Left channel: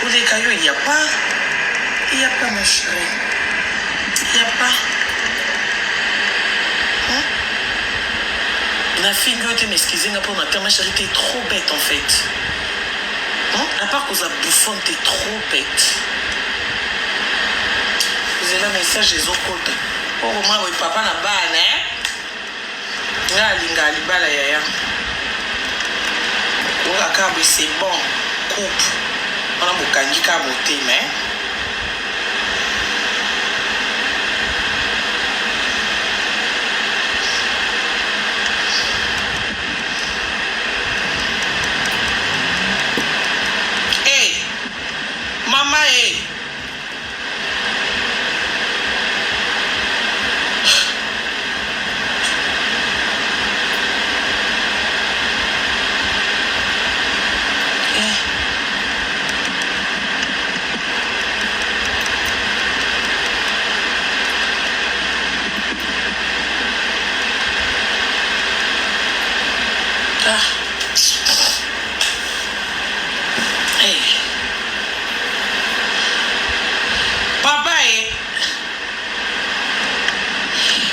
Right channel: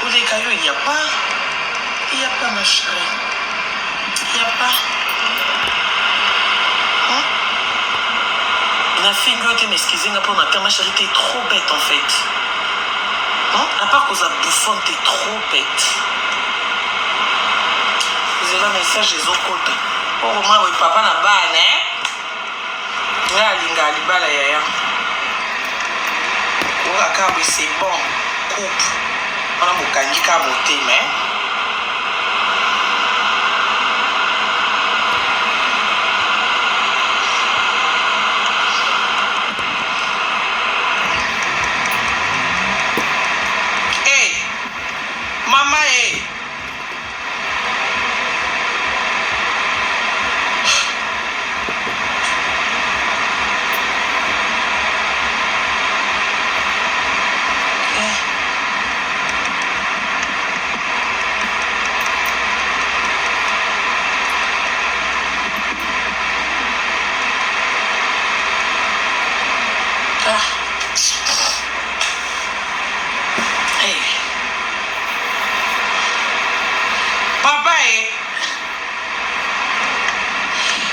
Côté Caillou, il n'y a pas. Il n'y a pas, ma chérie. Il n'y a pas. Hein? La fille qui m'excusez pour ma carte, ma chérie, t'es trop bête en fait. Hein? À part que ça bouffonne, t'es trop bête. Vous avez un message des autres côtés. Oh, moi, oui, papa n'a pas, hein? Là, linga, alibala, yaya. Oh, la carte, c'est bon. Coupe. On a beaucoup de cas monté, mais. Hey, maman, hey.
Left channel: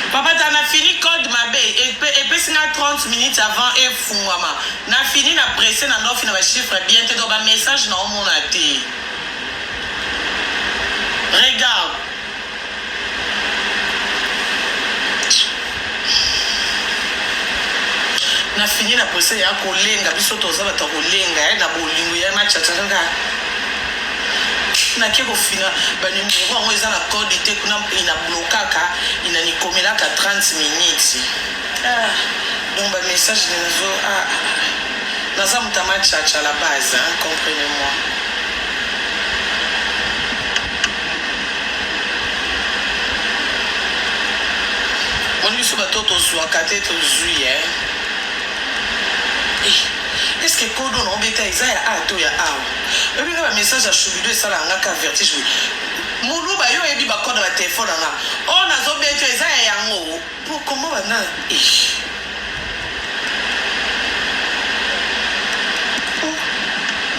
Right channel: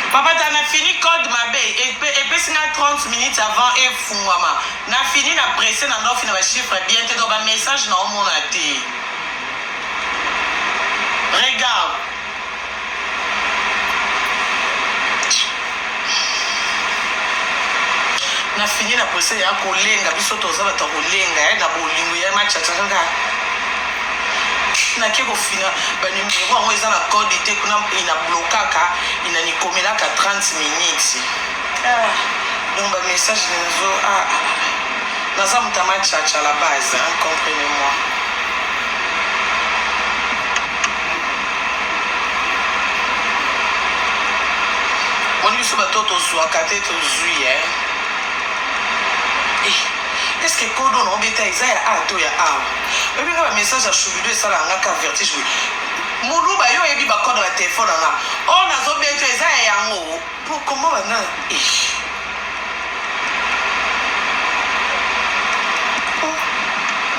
Papa, tu as fini code ma belle. Et puis, 30 minutes avant, et fou, maman. Tu as fini, tu as pressé, tu as fini, chiffre bien, tu as un message dans mon athée. Regarde. Tu as fini, tu as pressé, tu as collé, tu as mis ton sabre, tu as collé, tu as collé, tu as match, tu as na keko fina ba numéro ngo eza na code ite kuna ina blokaka ina nikomelaka 30 minutes donc ba message nazo naza mutama chacha la base hein, comprenez-moi. Moi biso batoto zwaka te tozwi est-ce que kodo no beta ezaya ato ya awa ebi ka message à Choubido ça la ngaka vertige muluba yo ebi ba code ba téléphone nga on a zo beta ezaya yango pour comment bana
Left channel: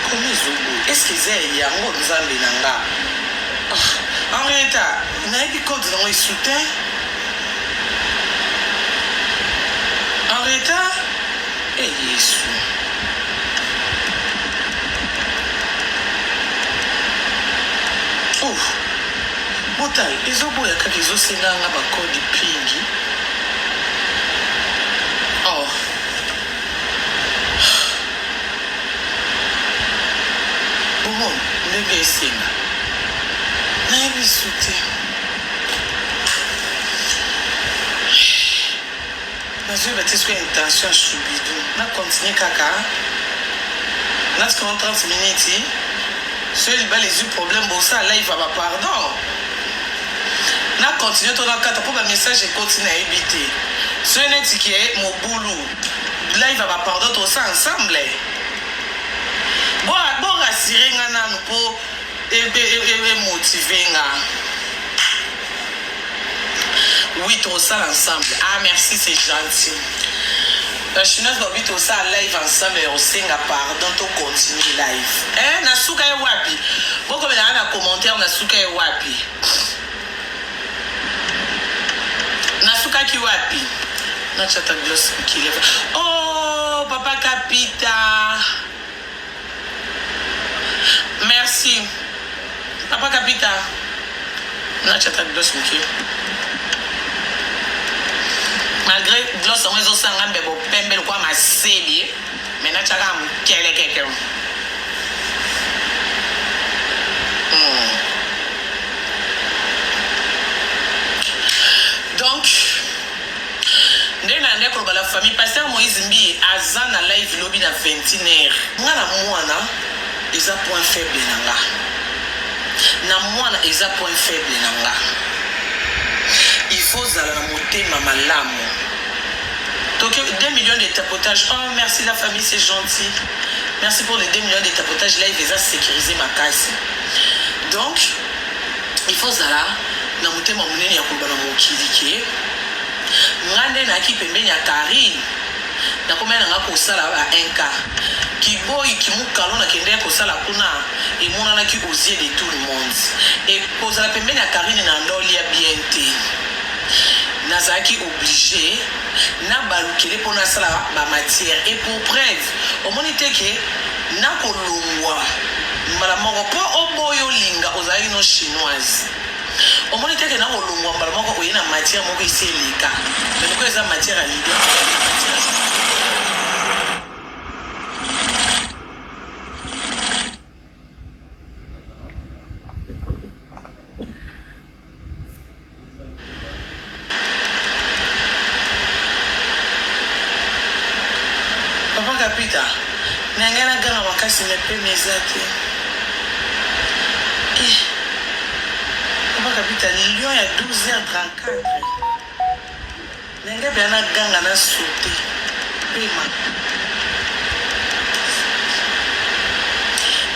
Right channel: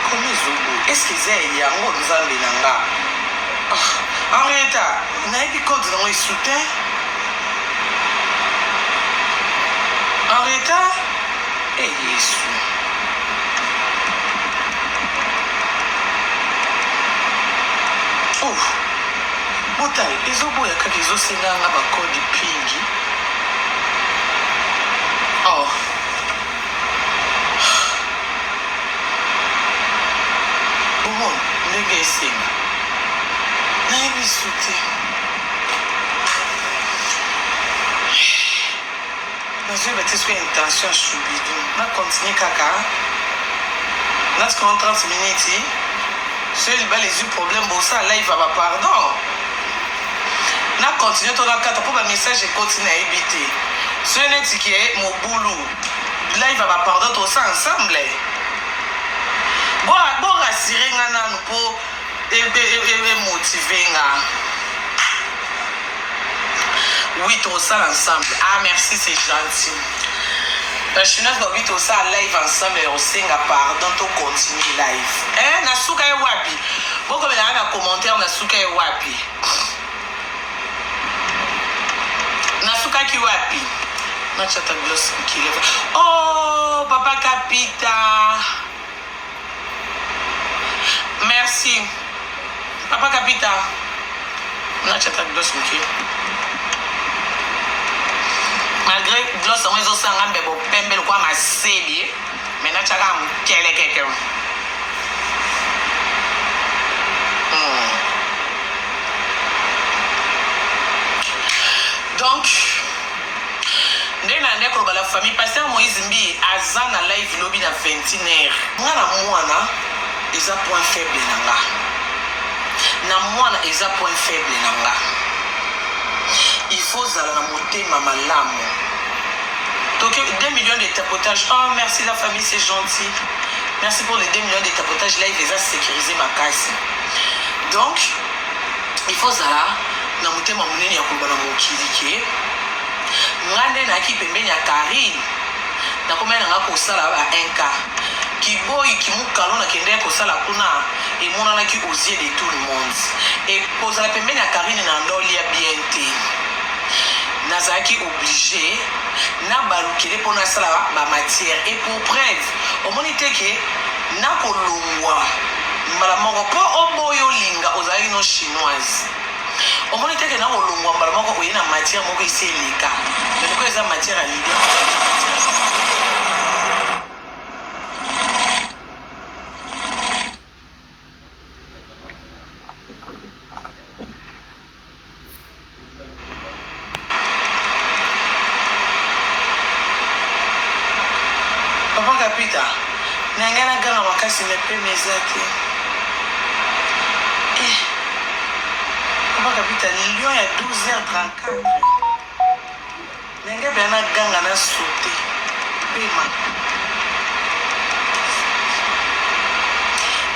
comment zo est-ce que ezaya yango nzambe nanga arrêta na ebi code na moi soutien arrêta yesu. Oh, Botai, les oboya kaki zo senanga ba code pingi. Oh. Bon, ndenge esenga. Na yebi sute. Nazo batiswe intention Choubido. Na continue kaka. Na 30 minutes. Ceux qui ont les problèmes, bon ça, là il va pas pardon. Na continue ton encadre pour un message et continue à éviter. Ceux qui est mon boulot, là il va pas pardon tout ça ensemble. Bon rassurer ngana pour motiver nga. Oui tout ça ensemble. Ah merci c'est gentil. La chinoise doit vite aussi à live ensemble et on singa pardon to continue live. Nasuka e wapi. Bon comme il y a un commentaire Nasuka e wapi. Nasuka ki wapi. Na chata gloss qui lève. Oh papa Capita. Merci. Papa Capita. Na chata gloss qui. Malgré gloss on est aussi en bebo pembe quoi ma série mais na chaka mkele keke. Donc ndena ndeko la famille pasteur Moïse Mbi azana live lobby na 21h. Ngana mwana eza point faible nanga. Na mwana eza point faible nanga. Il faut zala na motema malamu. Donc 2 millions de tapotages. Oh merci la famille, c'est gentil. Merci pour les 2 millions de tapotages. Là il les a sécurisé ma casse. Donc il faut zala na motema munene ya kolba na mokili ke. Ngande na ki pembeni ya Karine. Na komena nga kosala ba 1K. Kiboyi Kimukalo na kende kosala kuna emonanaki aux yeux de tout le monde. Et kozala pembeni ya Karine na ndoli ya BNT. Nazaki obligé na balukele pona sala ba matière. Et pour preuve, omoni teke na kolongwa mbala moko po oboyo linga ozali no chinoise. Omoni teke na kolongwa mbala moko oyena matière moko iselika. Mais ko eza matière à l'idée. Papa Kapita, nangana gana makasi mepe mezate. Papa Kapita, Lyon ya 12h34. Nanga bana ganga na sauté. Pema.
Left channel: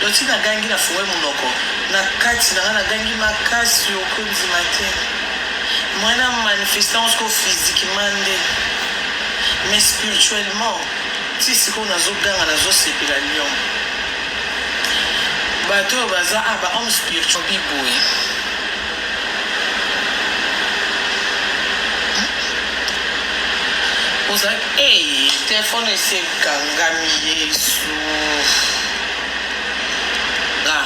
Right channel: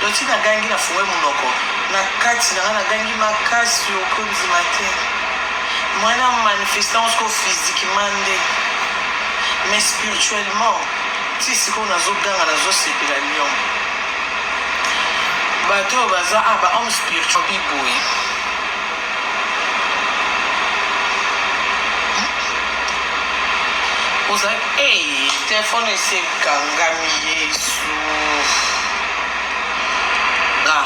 Loti na gangi na fuwe munoko. Na kati na gangi makasi okonzi matin. Mwana manifestance ko physiquement mais spirituellement. Si c'est qu'on a zoganga na zo sepela Lyon. Bato baza aba homme spirituel biboy. Oza téléphone c'est kangami Yesu. Ah.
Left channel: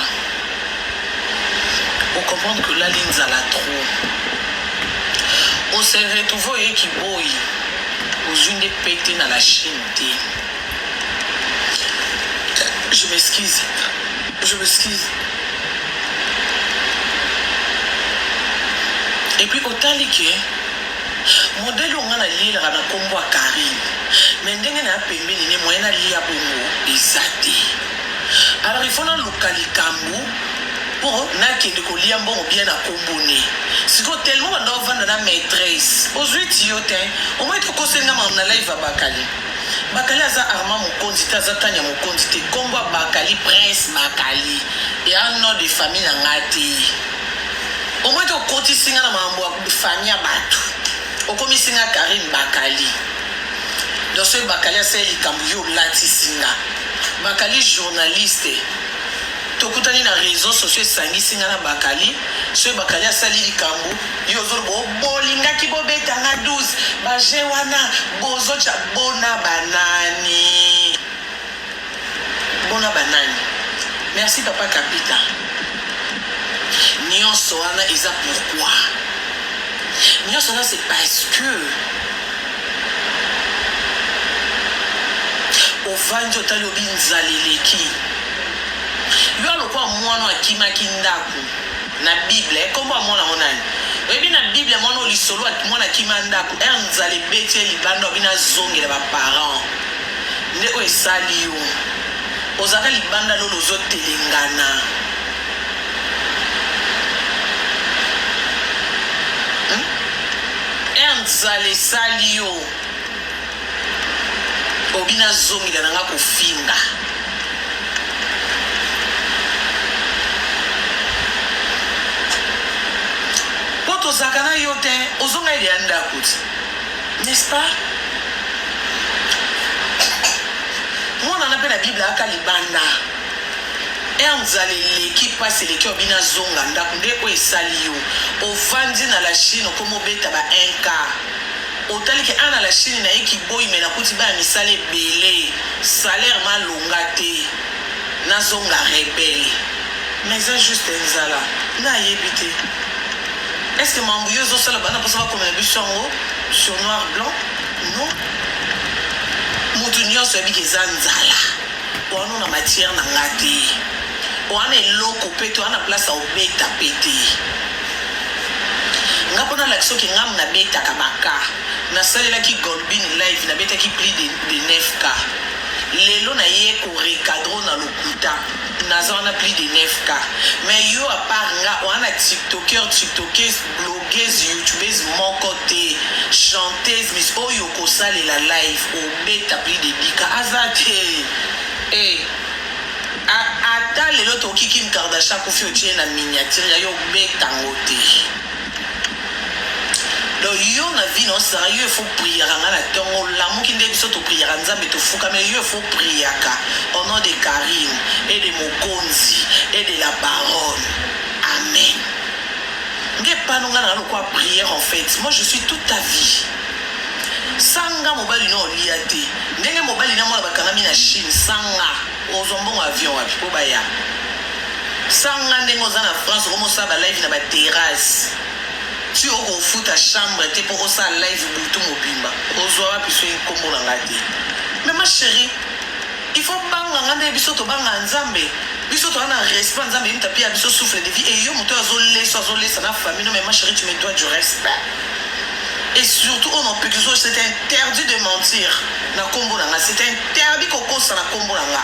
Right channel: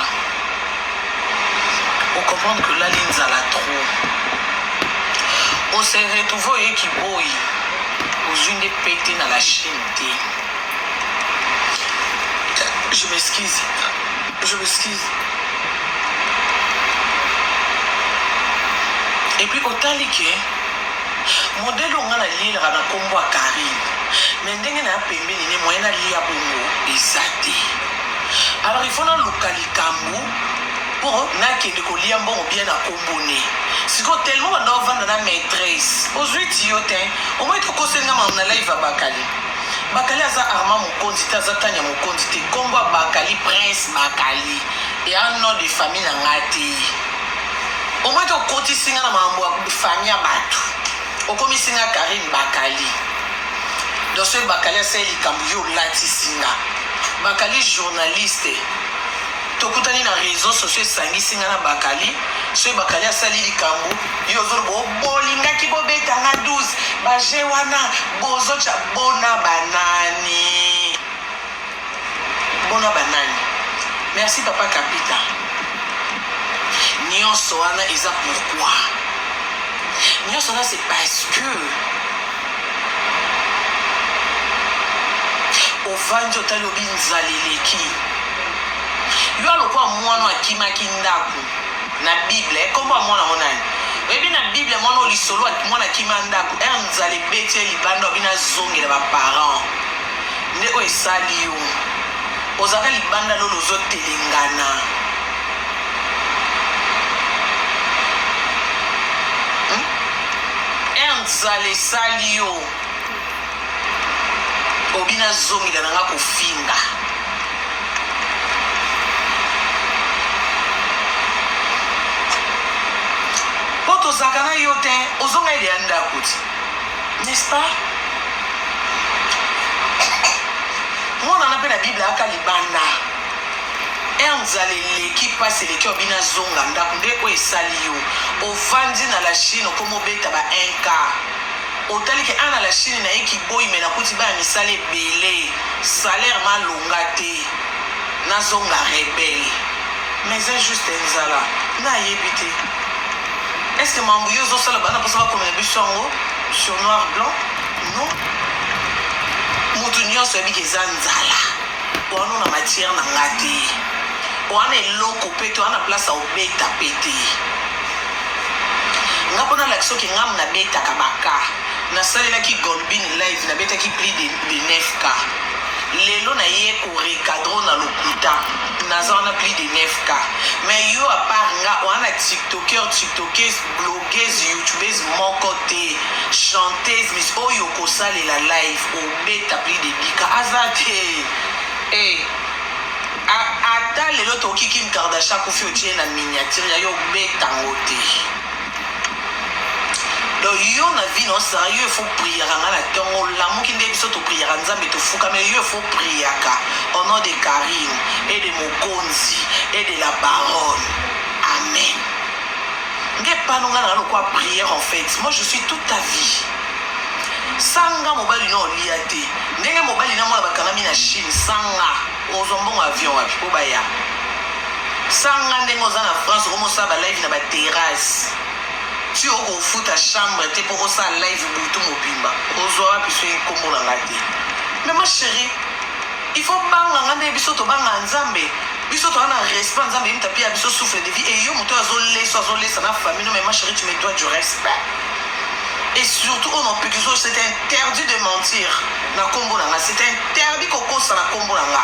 On comprend que la ligne a la trop. On s'est retrouvé qui boy. Aux unes des pétés dans la Chine. Je m'excuse. Je m'excuse. Et puis, autant que modèle on a l'île à la combo à Karine. Mais dès qu'on a payé, il y a moyen d'aller à Bongo et Zati. Alors, il faut dans le local Kambu pour n'aller de coller bon bien à Comboné. Si vous tellement on doit vendre la maîtresse. Aux 8 yotin, au moins tu conseilles na live à Bakali. Bakali a arma mon condité, a tanya mon condité. Combat Bakali, prince Bakali. Et un nom de famille na ngati. Au moins tu côté singa na mambo de famille à Batu. Au comme singa Karim Bakali. Dans ce Bakali a c'est Likambuyo Lati singa. Bakali journaliste. Tokutani na réseaux sociaux sangi singa na Bakali. Ce Bakali a sali likambu. Yozo bolinga ki bobeta na 12. Baje wana bozo cha bona banani. Bona banani. Merci Papa Kapita. Nyonso wana eza pourquoi. Nyonso wana c'est parce que Ovanjo talobi nzaleleki. Yo alokwa mwana akimaki ndaku na Bible kombo mwana monani. Webi na Bible mwana olisolo mwana akima ndaku nzale bete libanda bina zongela ba parents. Nde o esali yo. Ozaka libanda lolo zotelengana. Nzale sali yo. Obina zongela nanga kofinga. Poto zakana yote ozonga ile anda kuti. N'est-ce pas? Moi on appelle la Bible aka libanda. Nzalele qui passe les qui obina zonga ndakunde ko esali yo. Ovandi na la Chine komo beta ba 1K. Otali ke ana la Chine na eki boy me na kuti ba misale belé. Salaire malongate. Na zonga rebelle. Mais c'est juste nzala. Na yebite. Est-ce que Mambouyo Zosala Bana peut savoir comme les bus sur noir blanc? Non. Moutounion se dit que Zanzala. Ou on a matière na ngati. Ou on est loco pété, on a place à obéta pété. Ngapona l'action qui ngam na beta kabaka. Na salle là qui Golbin live na beta qui plie de 9K. Lelo na ye ko recadro na lokuta. Naza on a plus de 9K. Mais yo à part nga on a tiktokeuse, blogueuse, youtubeuse mon côté, chanteuse mais oh yo ko sale la live au beta plus de 10K azate. Eh ata lelo to Kim Kardashian ko fi otie na miniature yo beta ngote. donc yo na vie non ça yo faut prier nga na tongo l'amour qui ndé biso to prier nzambe to fuka mais yo faut prier au nom de Karim et de Mokonzi et de la baronne. Amen. Nge pas non nga na quoi prière en fait. Moi je suis toute ta vie. Sanga mobali no liate. Ndenge mobali na mwana bakanami na Chine sanga ozombongo avion wapi po baya. Sanga ndenge oza na France comme ça ba live na ba terrasse. Tu au fout ta chambre te pour ça live butu mobimba. Ozoa puis c'est kombo na ngati. Mais ma chérie, il faut banga ngande biso to banga nzambe. Biso to ana respect nzambe imta pia biso souffle de vie et yo moto azolé ça na famille non mais ma chérie tu me dois du respect. Et surtout on peut que c'est interdit de mentir na kombo na nga, c'est interdit koko ça na kombo na nga.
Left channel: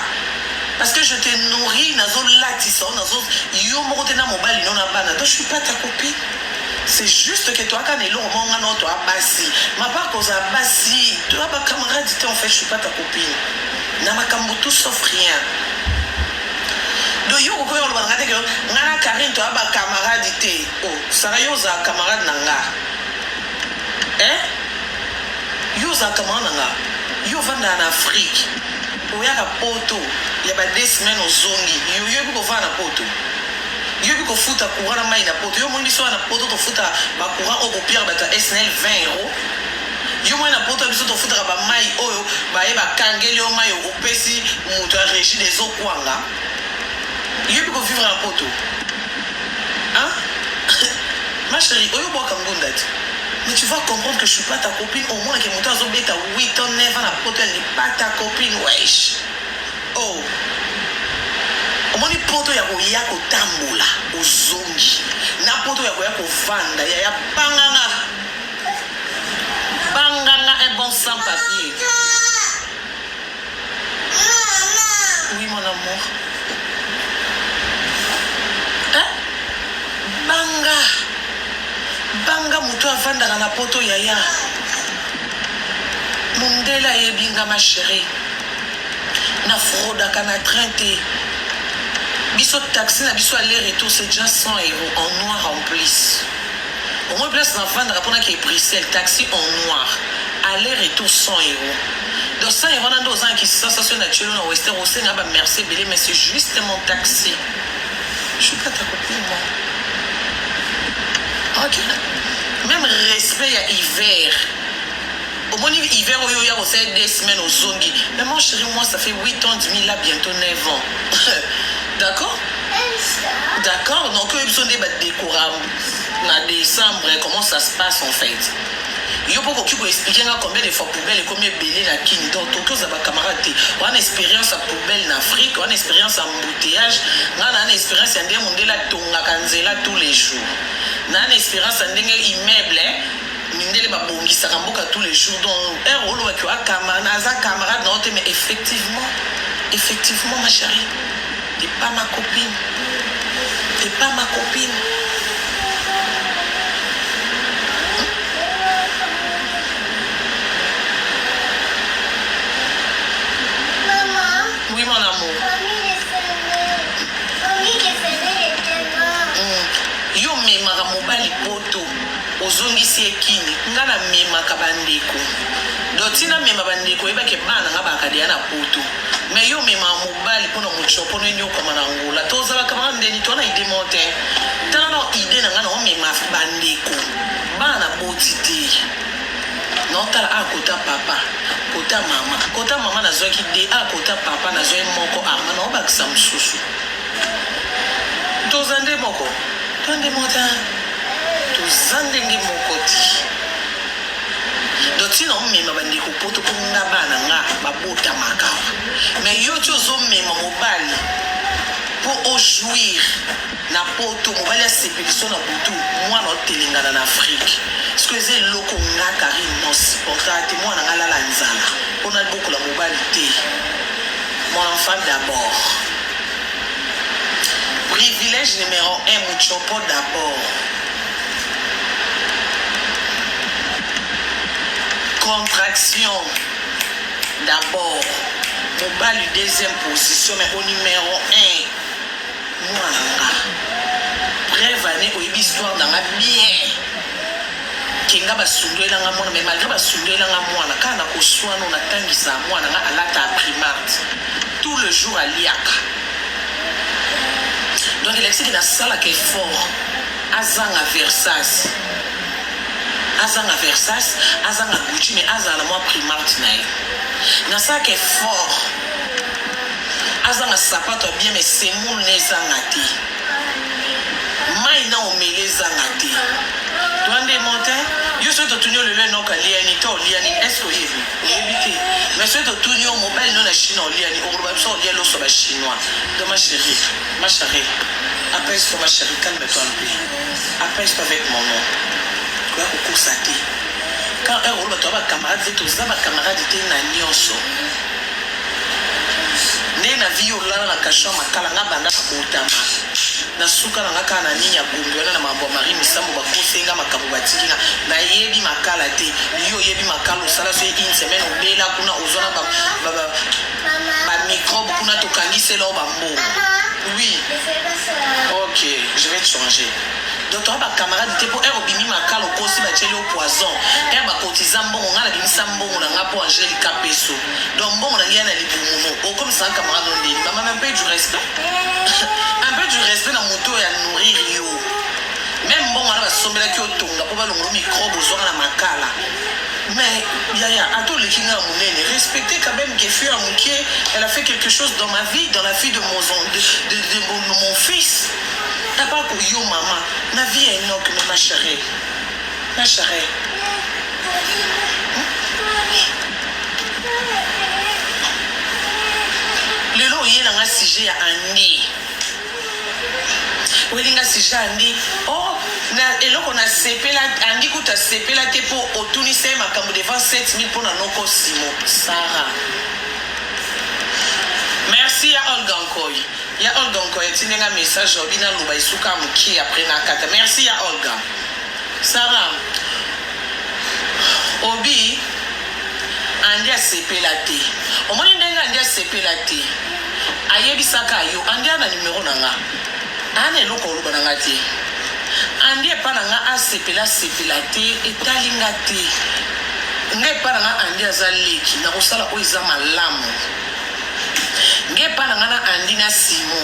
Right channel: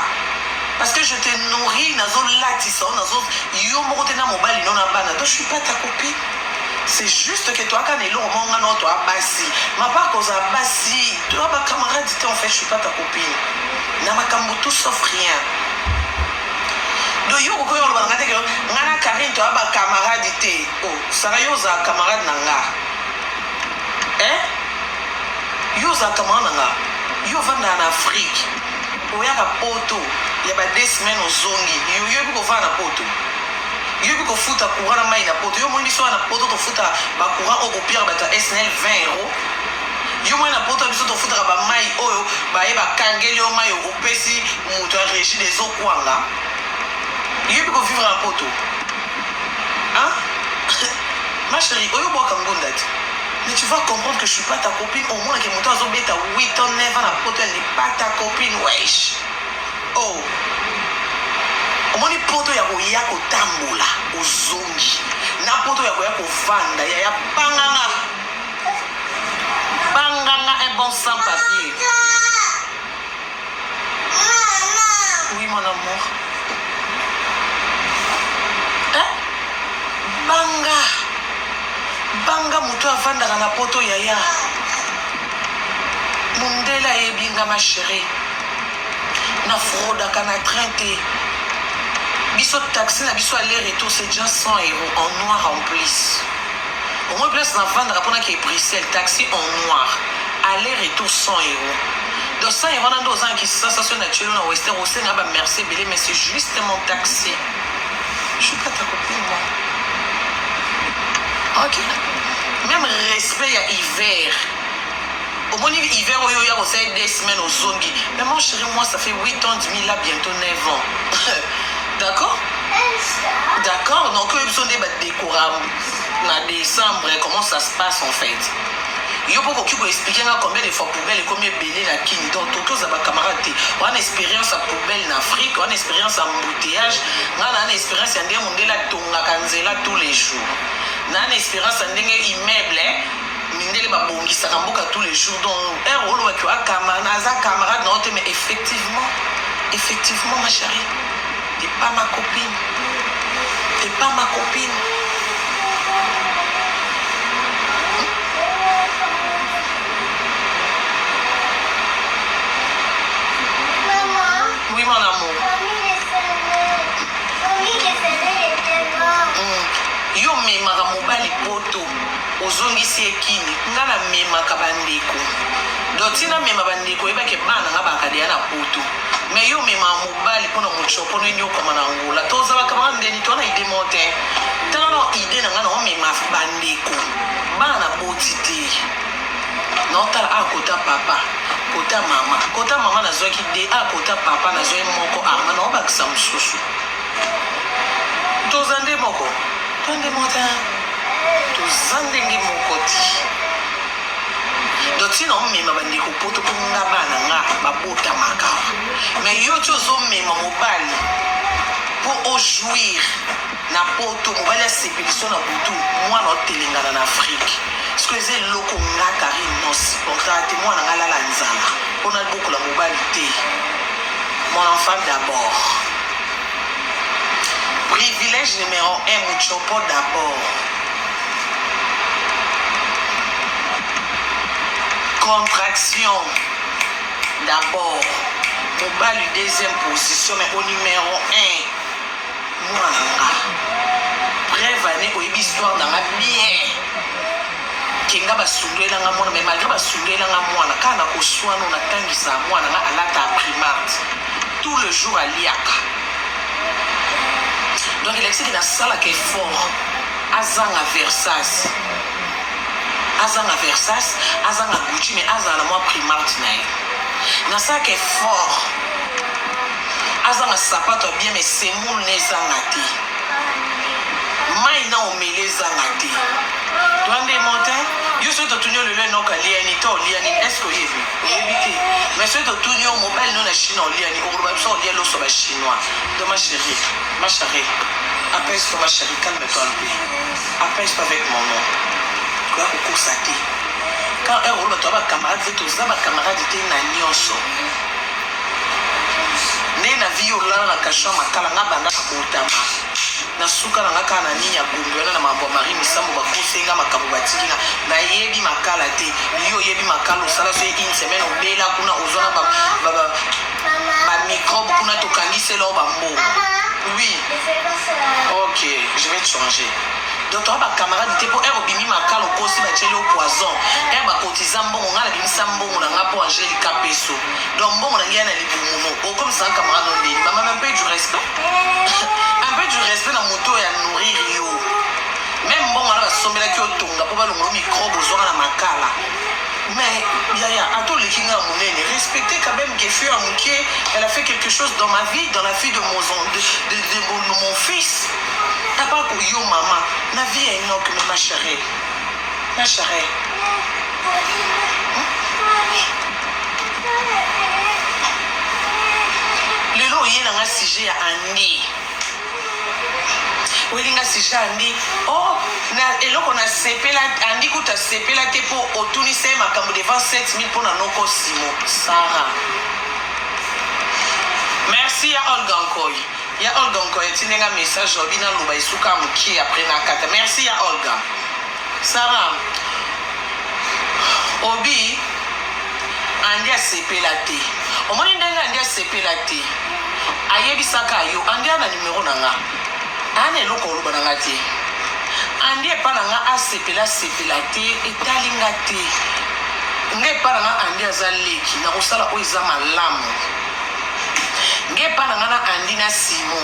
Parce que je te nourris nazo latissa nazo yo moko te na mobali non na bana. Donc je suis pas ta copine. C'est juste que toi, quand tu es là, tu as bassi. Ma part, cause à bassi, tu as ma camarade, en fait, je ne suis pas ta copine. Na ma camarade, tout sauf rien. Donc, yo, quand on va regarder que Nana Karine, tu as ma camarade, oh, ça va, yo, za camarade nanga. Hein? Yo, za camarade nanga. Yo, va en Afrique. Où il y a un poteau. Il y a des semaines aux zongi. Yo, yo, va en poto. Yo biko futa courant na mai na poto yo moni biso na poto to futa ba courant au pire bata SNL 20 €. Yo moni na poto biso to futa ba mai oyo ba e ba kangeli o mai o pesi muto a régie des eaux kwanga. Yo biko vivre en poto. Hein? Ma chérie, oyo boa kangondati. Mais tu vas comprendre que je suis pas ta copine au moins que muto azo beta 8 ans 9 ans na poto elle n'est pas ta copine wesh. Oh. Omoni poto ya koya kotambola ozongi na poto ya koya kovanda ya banganga un bon sans papier. Oui mon amour. Hein? Banga muto avanda na poto ya mundela ebinga ma chérie na froda kana 30. Biso taxi na biso aller-retour c'est déjà 100 € en noir en plus. Au moins place na vendre pour que Bruxelles taxi en noir. Aller-retour 100 €. Donc 100 € dans 2 ans qui sensation naturelle au Western au Sénégal bah merci belé mais c'est juste mon taxi. Je suis pas ta copine moi. OK. Même respect à hiver. Au moins hiver au yoya au 2 semaines au zongi. Mais mon chéri moi ça fait 8 ans 10 000 là bientôt 9 ans. D'accord? D'accord, donc ils sont des décorables en décembre, comment ça se passe en fait? Il y a beaucoup qui peuvent expliquer combien de fois poubelle et combien de bélé la kini. Donc, tout ça, camarade, on a une expérience à poubelle en Afrique, on a une expérience à embouteillage, on a une expérience à la tonga kanzela tous les jours. On a une expérience à immeuble, mindele ba bongisa kamboka tous les jours. Donc, un rôle avec un camarade, non, mais effectivement, ma chérie. T'es pas ma copine. T'es pas ma copine. Maman. Oui, mon amour. Yo memaka mobali poto ozongisi ekini nga na memaka bandeko donc tina mema bandeko ebake bana nga bakadia na poto mais yo mema mobali mpona mochopo nini okoma na ngola tozalaka bana ndeni tona ide mote tala na ide na nga na omema bandeko bana boti te notala akota papa kota mama nazwaki de akota papa nazwaki moko arma na obakisa mosusu tozande moko Tande mota, tu zandenge mokoti. Doti no mema bandeko poto kunga bana nga babota makawa. Mais yo tozo mema mobali pour jouir na poto mobali sepeliso na butu mwana otelengana na Afrique. Ce que c'est loko nga Karine non supporta te mwana nga lala nzala. Pona beaucoup la mobali te. Mon enfant d'abord. Privilège numéro 1, Muchopo d'abord. Contraction d'abord. Mobile deuxième position, mais au numéro 1. Moi, brève année, au histoire dans ma bien. kenga basungelanga mwana mais malgré basungelanga mwana kana koswana na tangisa mwana nga alata primate tout le jour aliaka donc il existe na sala que fort azanga versas azanga Gucci mais azana moi primate na ye na sala que fort azanga sapato bien mais c'est mon nezanga te mai na omele zanga te Twande montin, yo souhaite tenir le lait non kaliani to liani est-ce que yebi te mais souhaite tenir mobile non na Chine liani au groupe so lielo so ba chinois de ma chérie apaise-toi ma chérie calme-toi un peu apaise-toi avec mon nom quoi au constater quand un rôle toi ba camarade tout ça ba camarade te na nyonso ne na vie olala na kasha makala ngabanda kutama na suka na ngaka na ninya gumbe na mambo mari misambo bakosenga makambo batikinga na yebi makala te yo yebi makalo sala so une semaine obela kuna ozona ba microbe kuna tokangise lo bambo oui ok je vais te changer donc toi ba camarade te po obimi makalo kosi ba cheli au poison ba cotisant bon ngala bimisa mbongo na ngapo Angelica Peso donc bon na ngana libumu comme ça camarade on dit maman un peu du respect un peu du respect na moto ya nourrir yo même bon on a sombela ki otonga po ba longo microbe ozonga na makala mais yaya ato le kinga munene respectez quand même que fut amuké elle a fait quelque chose dans ma vie dans la vie de mon fils t'as pas pour yo maman la vie est énorme mais ma chérie le lo yé na sujet ya Andy welinga sujet Andy oh na eloko na sepela Andy kuta sepela te po otunise makambo devant 7000 pour na noko simo Sarah merci ya Olga Nkoy ya Olga Nkoy tinenga message obina luba isuka muki après na kata merci ya Olga Sarah obi Andy a sepela te omoni ndenga Andy a sepela te ayebisaka yo Andy na numéro nanga ane eloko oloba nanga te Andy epa nanga asepela te etalinga te nge epa nanga Andy aza leki na kosala oyo eza malamu nge epa nanga na Andy na Simo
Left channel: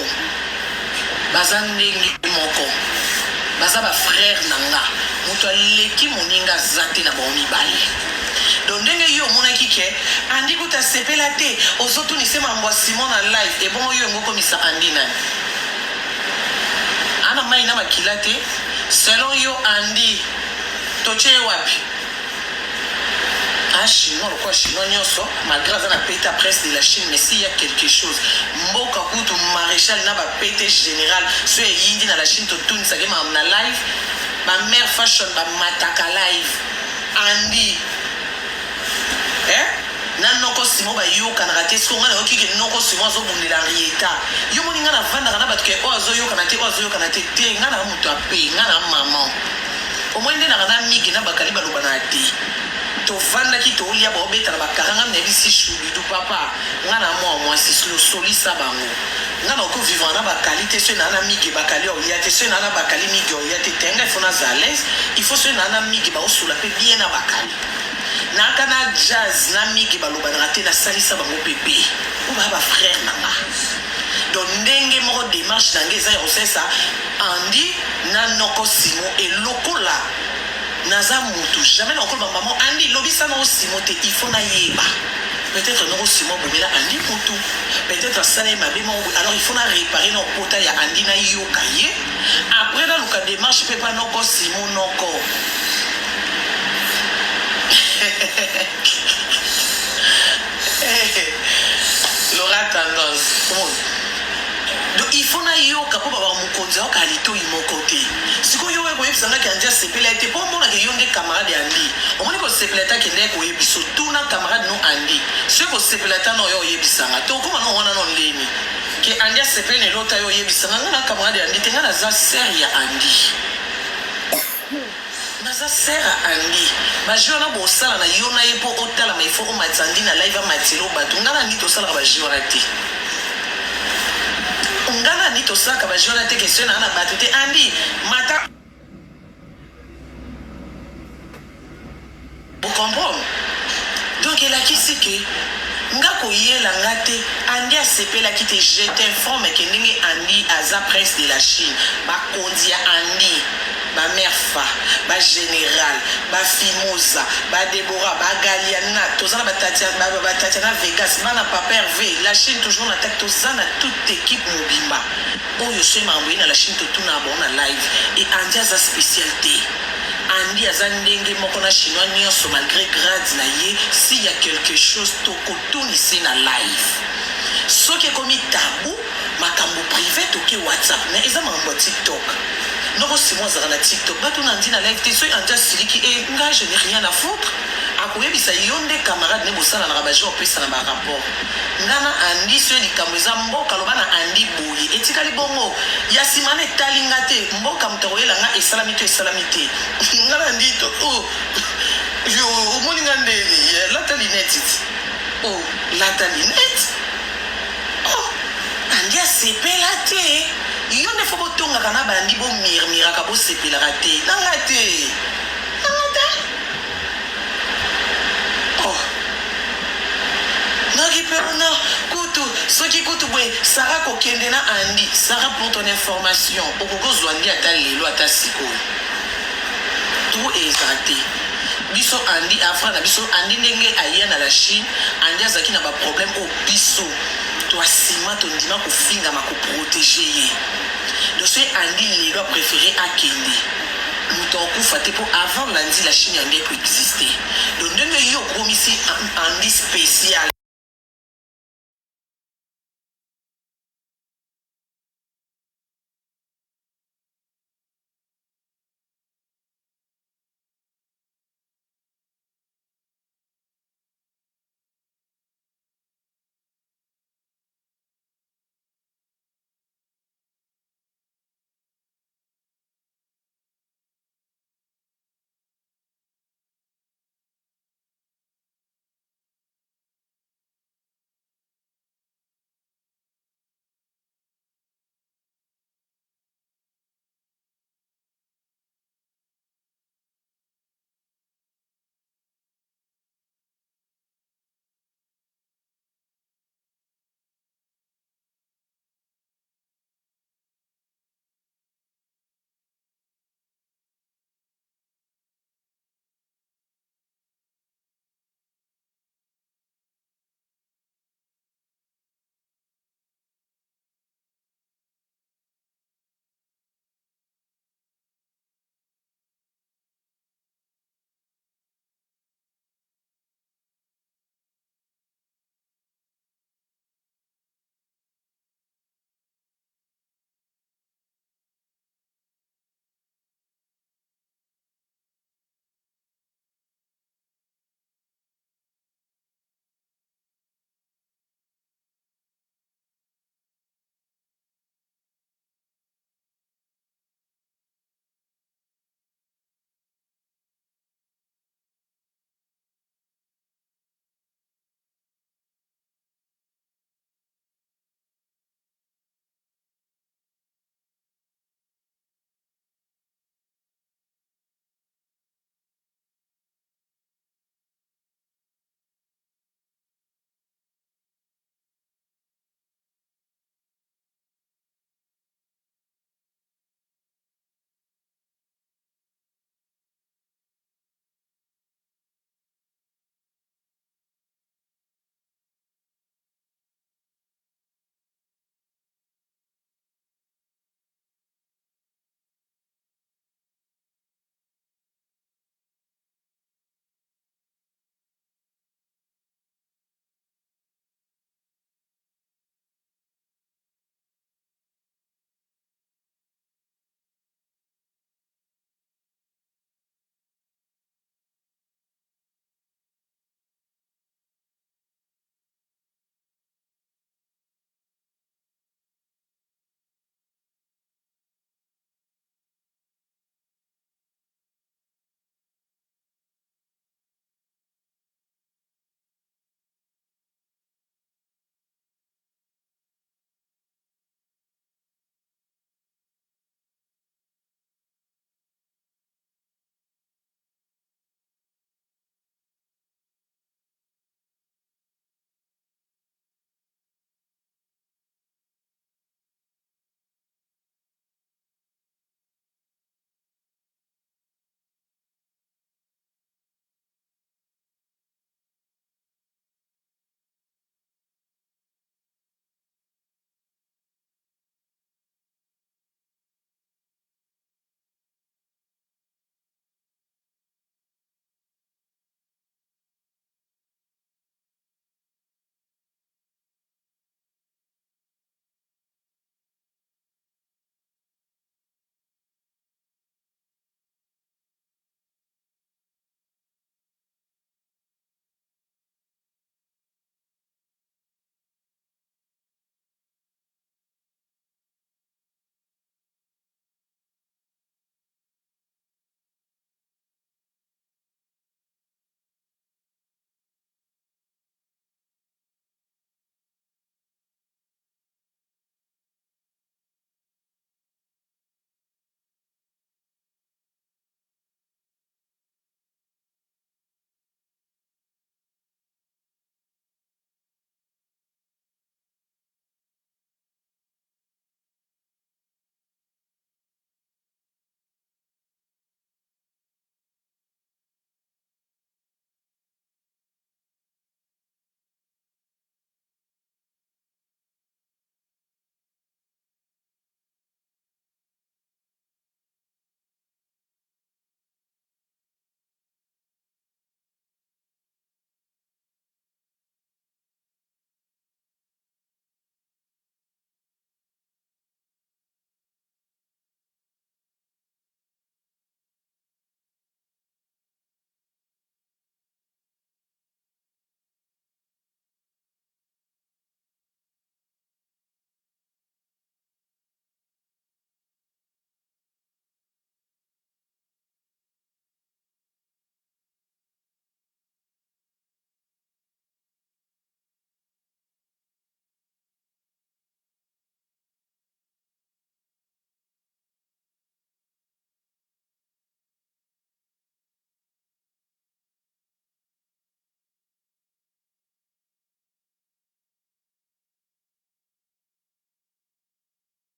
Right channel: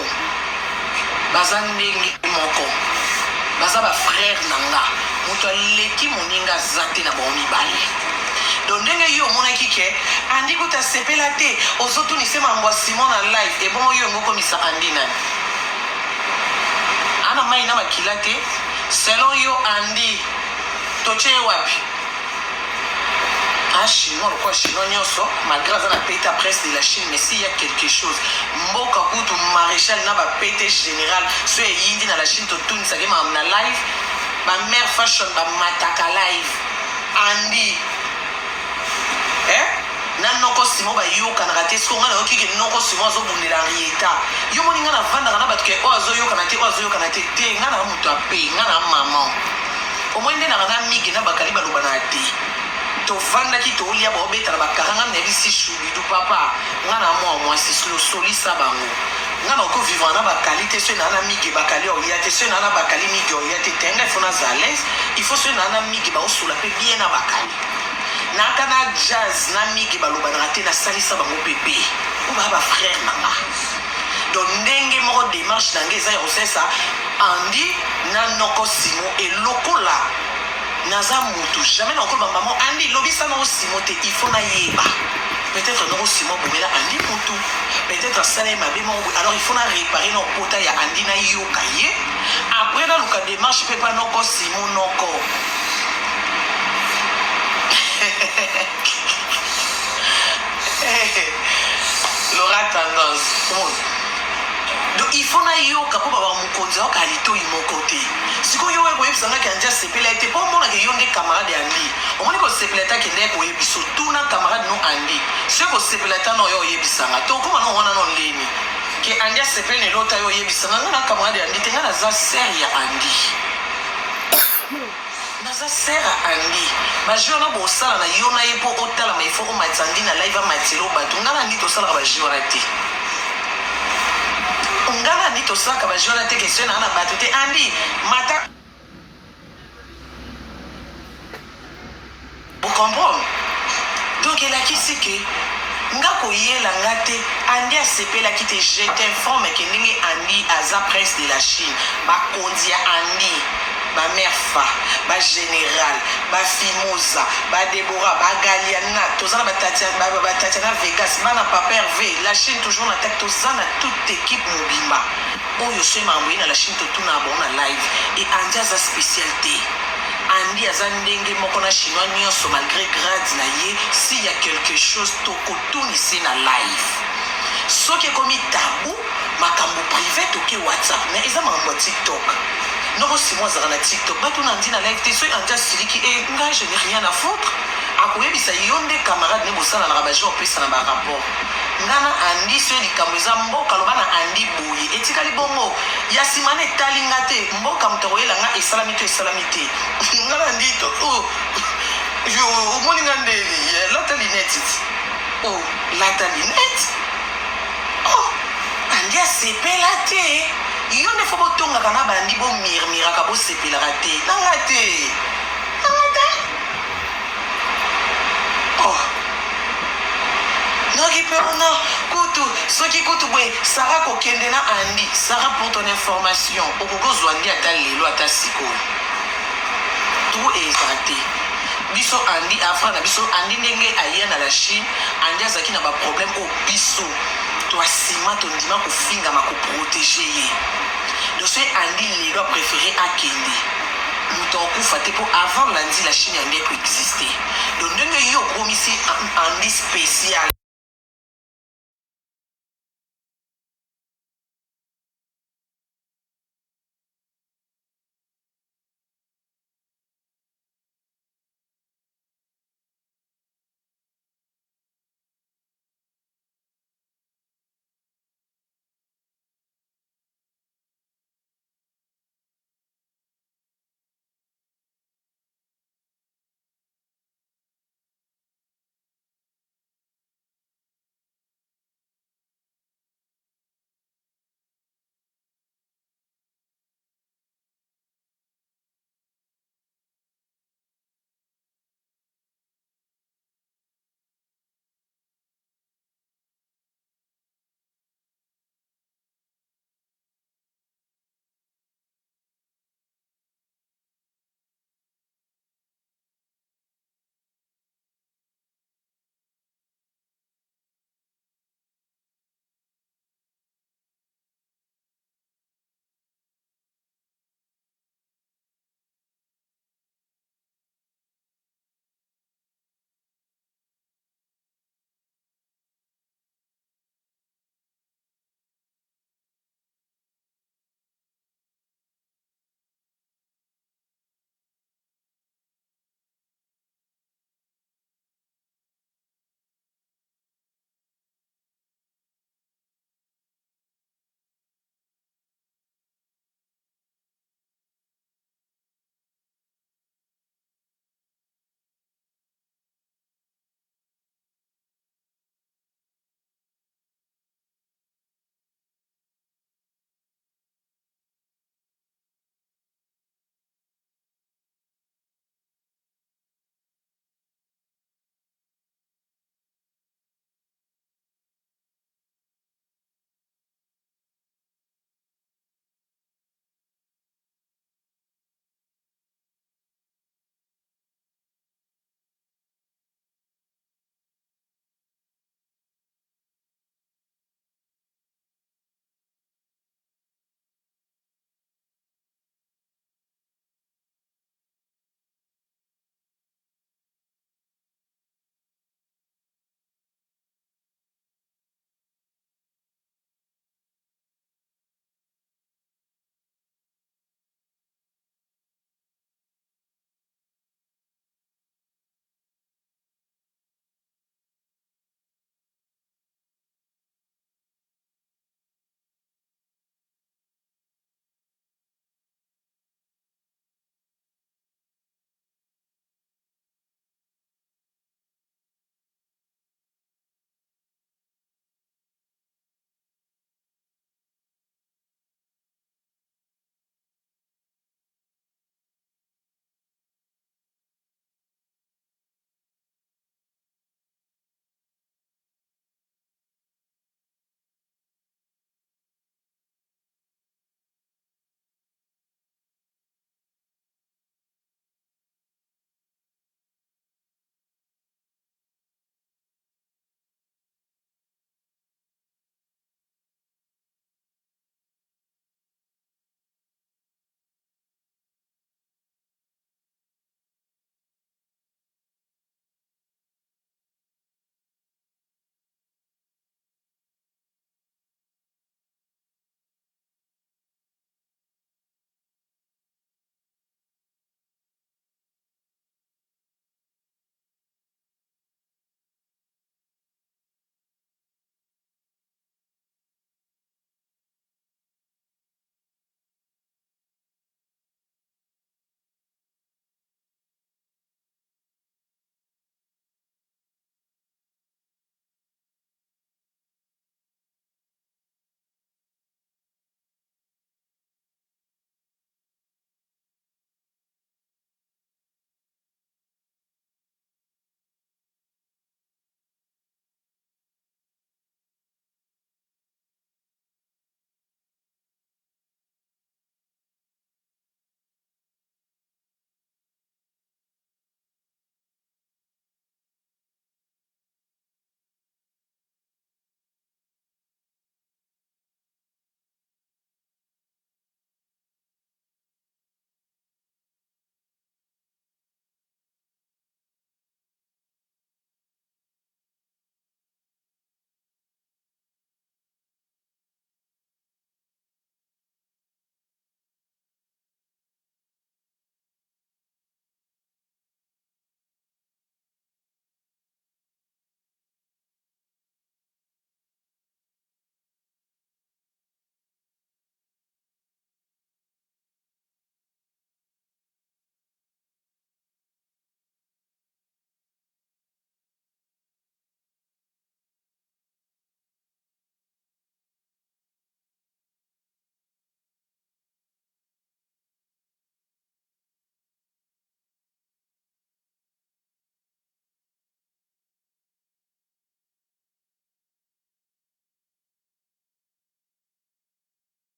baza ndenge moko baza bafrère nanga moto aleki moninga aza te na bango mibale donc ndenge yo omonaki ke Andy kuta sepela te ozotunisa mambo ya Simon na live ebongo yo yango komisa Andy nani ana mai na makila te selon yo Andy toche wapi chinois quoi chinois nyonso malgré ça na peta presse de la Chine mais s'il y a quelque chose mboka kutu maréchal na ba pété général so yindi na la Chine to tuni sa game na live ma mère fashion ba mataka live Andy na noko simo ba yoka na raté ce qu'on a oki ke noko simo zo bundela rieta yo moninga na vanda na batke o azo yoka na te te ngana mutu ape ngana maman au moins ndena na migi na bakali baluba na te to vanda ki to lia ba obeta na bakaranga na bisi shubi du papa ngana moi si solisa bango ngana ko vivre na bakalité ce na migi bakali o lia te ce na bakali migi o lia te tenga fona za l'aise il faut ce na migi ba osula pe bien na bakali na kana jazz na miki baloba na te na salisa bango bébé ou ba frère nanga donc ndenge moko démarche na ngeza ya osesa Andy na noko Simo et lokola naza mutu jamais na okolo maman Andy lobisa na Simo te il faut na yeba peut-être noko Simo bomela Andy mutu peut-être sala ma bemo alors il faut na réparer no pota ya Andy na yoka ye après dans le démarche peut pas noko Simo noko Laura tendance donc il faut na yoka po baba mukonzi oka lito imokote siko yo eko yebisanga kanja sepela ete po mona ke yonde camarade Andy omoni ko sepela ta ke ndeko yebiso tuna camarade no Andy ce ko sepela ta no yo yebisanga to ko no wana no leni ke Andy sepela ne lota yo yebisanga na camarade Andy tenga na za seria Andy naza sera Andy ba jona bo sala na yona yepo otala ma ifo o matandi na live matilo ba tungana ni to sala ba jona te ngana ni to sala ba jona te question na batete Andy mata comprends? Donc elle a qui c'est que nga koyela nga te andi asepelaki te. Je t'informe que ndenge andi aza prince de la Chine bakondi ya andi bamère fa bagénéral bafimosa badebora bagaliana toza na batatiana Vegas bana papa Hervé la Chine toujours na tête toza na toute équipe mobimba oyo so mambo na la Chine totuna bon na live et andi aza spécialité andi aza ndenge moko na chinois nyonso malgré grade na ye s'il y a quelque chose tokotunisi na live soki ekomi tabu makambo privé toke WhatsApp mais eza makambo ya TikTok noko simo azaka na TikTok bato na ndi na live te soki andi asiliki nga je n'ai rien à foutre akoyebisa yo nde camarade ne bosala na bajo opesa na barapport ngana andi soki likambo eza mboka loba na andi boye etikali bongo ya nsima na etali nga te mboka moto akoyela nga esalami to esalami te ngana ndi to omoni nga ndeni lata linete lata linete andi asepela te yo nde fo botongaka na bandi bomirmiraka bosepelaka te nanga te noki mpe ona kutu soki kutu boye Sara kokende na andi Sara pour ton information okokozwa andi ata lelo ata sikoyo tout eza te biso andi afra na biso andi ndenge aya na la Chine andi azalaki na baproblème oyo biso toasima tondima kofingama koprotege ye donc soki andi lelo apréféré akende moto akufa te mpo avant landi la Chine andi ekoexiste donc ndenge yo okomisi andi spécial